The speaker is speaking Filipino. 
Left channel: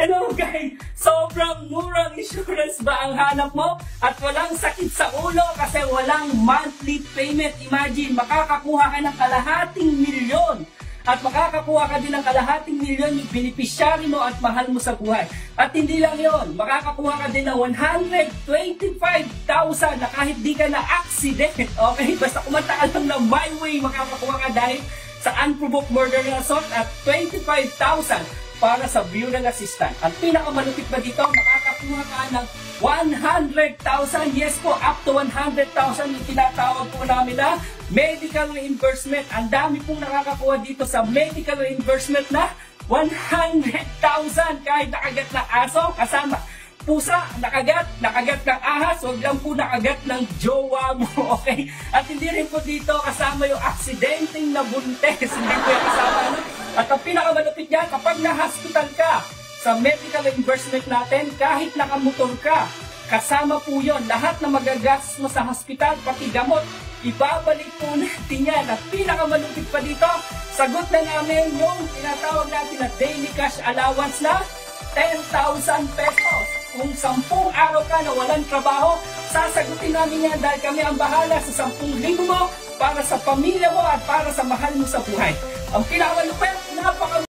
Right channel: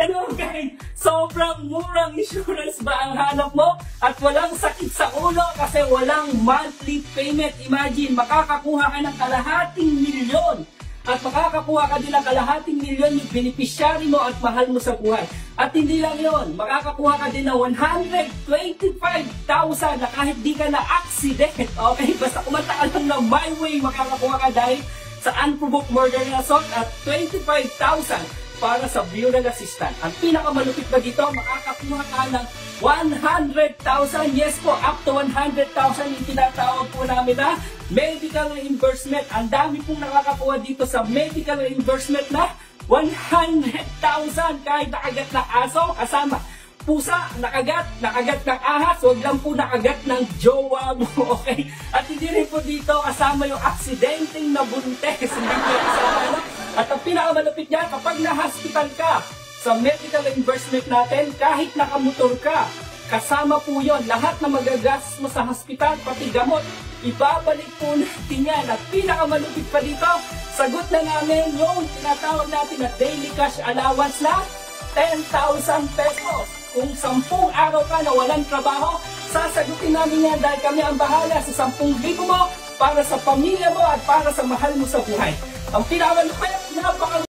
Ano guys, sobrang murang insurance ba ang hanap mo? At walang sakit sa ulo kasi walang monthly payment. Imagine, makakakuha ka ng kalahating milyon. At makakakuha ka din ng kalahating milyon yung beneficiary mo at mahal mo sa buhay. At hindi lang yon, makakakuha ka din ng 125,000 na kahit di ka na accident. Okay, basta kumanta ka lang ng my way, makakakuha ka dahil sa unprovoked murder and assault at 25,000 para sa burial assistant. Ang pinakamalupit ba dito, makakakuha ka ng 100,000, yes po, up to 100,000 yung tinatawag po namin na medical reimbursement. Ang dami pong nakakakuha dito sa medical reimbursement na 100,000 kahit nakagat na aso, kasama pusa, nakagat ng ahas, huwag lang po nakagat ng jowa mo, okay? At hindi rin po dito kasama yung aksidenteng nabuntes, hindi po kasama. At ang pinakamalapit niya, kapag na-hospital ka, sa medical reimbursement natin, kahit nakamotor ka, kasama po yon lahat na magagastos mo sa hospital, pati gamot, ibabalik po natin yan. At pinakamalupit pa dito, sagot na namin yung tinatawag natin na daily cash allowance na 10,000 pesos. Kung 10 araw ka na walang trabaho, sasagutin namin yan dahil kami ang bahala sa 10,000 mo para sa pamilya mo at para sa mahal mo sa buhay. Ang pinakamalupit, napaka